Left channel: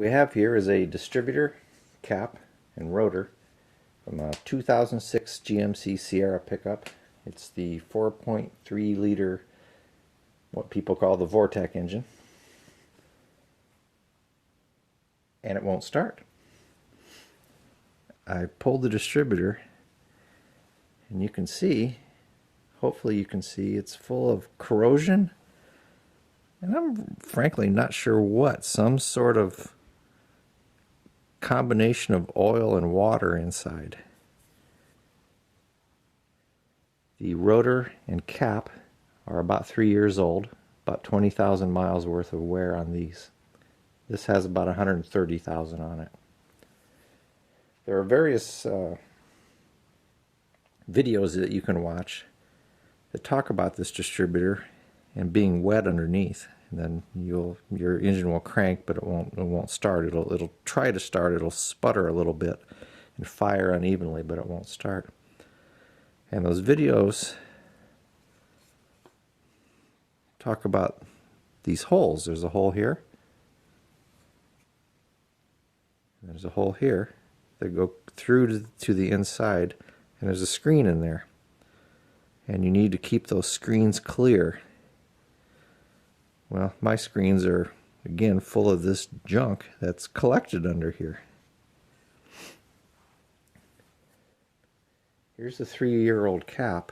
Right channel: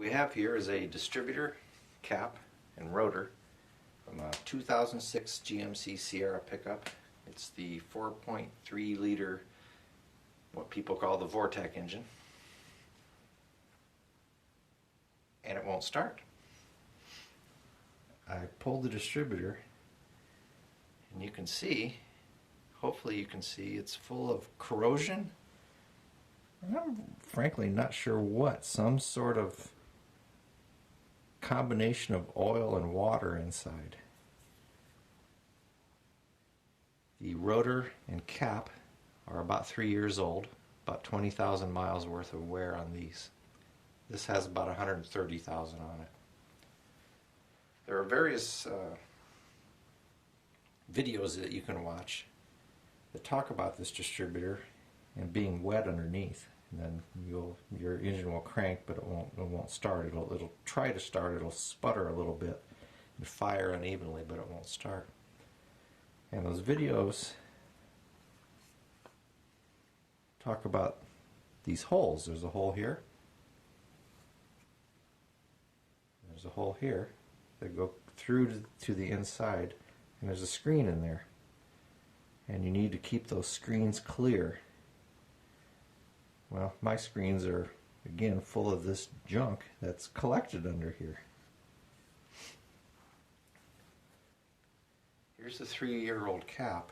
What we have here is a distributor cap and rotor from a 2006 GMC Sierra pickup. It's the 4.3 liter, what people call the Vortec engine, and it won't start. I pulled the distributor and you can see, hopefully you can see, it's full of corrosion, and I'm frankly not sure what, some sort of combination of oil and water inside. The rotor and cap are about 3 years old, about 20,000 miles worth of wear on these. This has about 130,000 on it. There are various videos that you can watch that talk about this distributor and being wet underneath. And then your engine will crank, but it won't start. It'll try to start. It'll sputter a little bit and fire unevenly, but it won't start. And those videos talk about these holes. There's a hole here. There's a hole here that go through to the inside, and there's a screen in there. And you need to keep those screens clear. Well, my screens are, again, full of this junk that's collected under here. Here's a 3-year-old cap,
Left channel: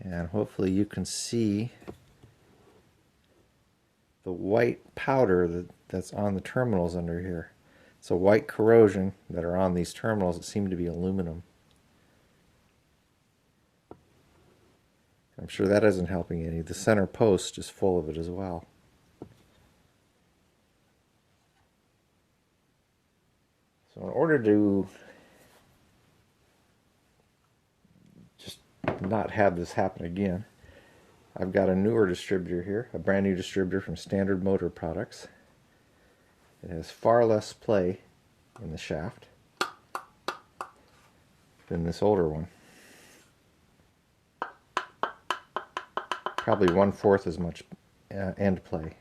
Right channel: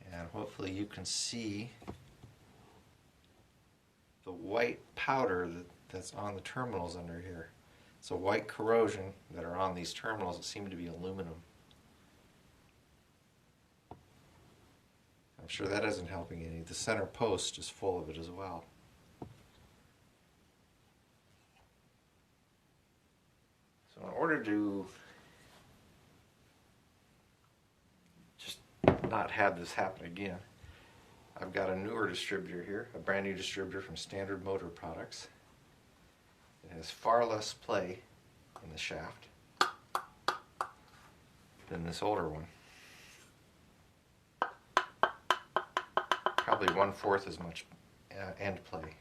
and hopefully you can see the white powder that's on the terminals under here. It's a white corrosion that are on these terminals that seem to be aluminum. I'm sure that isn't helping any. The center post is full of it as well. So in order to just not have this happen again, I've got a newer distributor here, a brand new distributor from Standard Motor Products. It has far less play in the shaft than this older one. Probably 1/4 as much end play.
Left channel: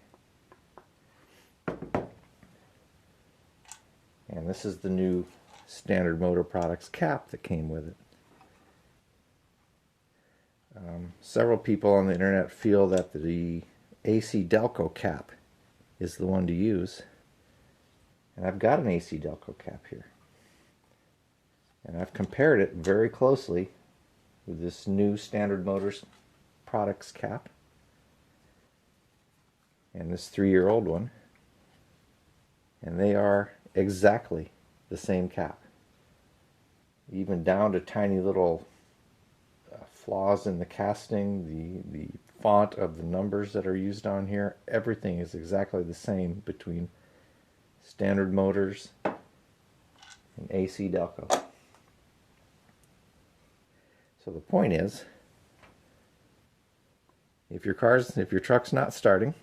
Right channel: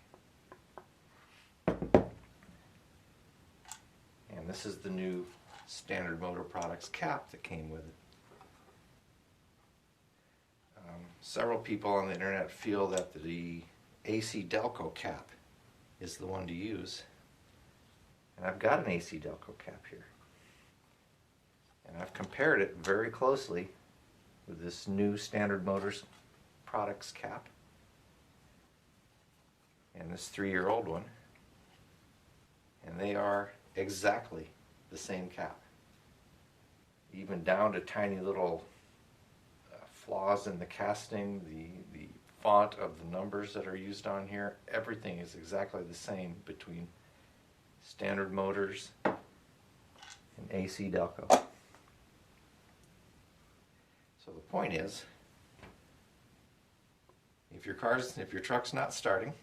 And this is the new Standard Motor Products cap that came with it. Several people on the internet feel that the AC Delco cap is the one to use. And I've got an AC Delco cap here. And I've compared it very closely with this new Standard Motors Products cap and this 3-year-old one, and they are exactly the same cap, even down to tiny little flaws in the casting, the font of the numbers that are used on here. Everything is exactly the same between Standard Motors and AC Delco. So the point is, if your truck's not starting,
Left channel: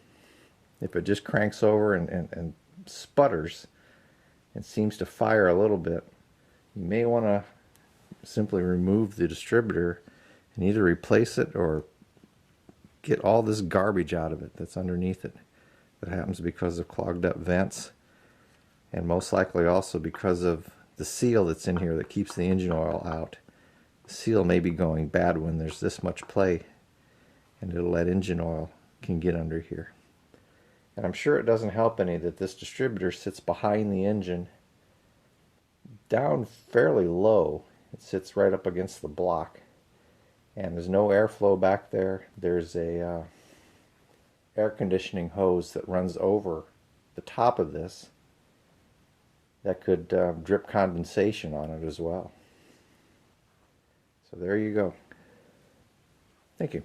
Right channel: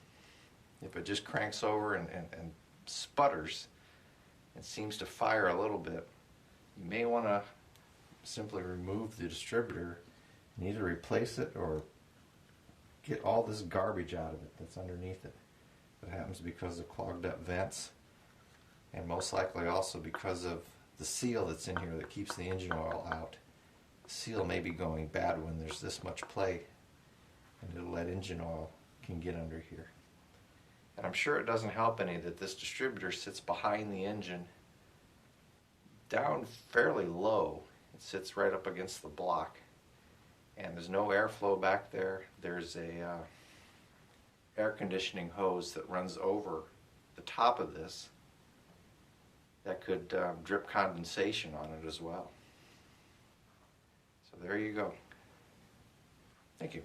if it just cranks over and sputters and seems to fire a little bit, you may want to simply remove the distributor and either replace it or get all this garbage out of it that's underneath it. That happens because of clogged up vents, and most likely also because of the seal that's in here that keeps the engine oil out. The seal may be going bad when there's this much play, and it'll let engine oil can get under here. And I'm sure it doesn't help any that this distributor sits behind the engine down fairly low. It sits right up against the block, and there's no airflow back there. There's a air conditioning hose that runs over the top of this that could drip condensation on it as well. So there you go. Thank you.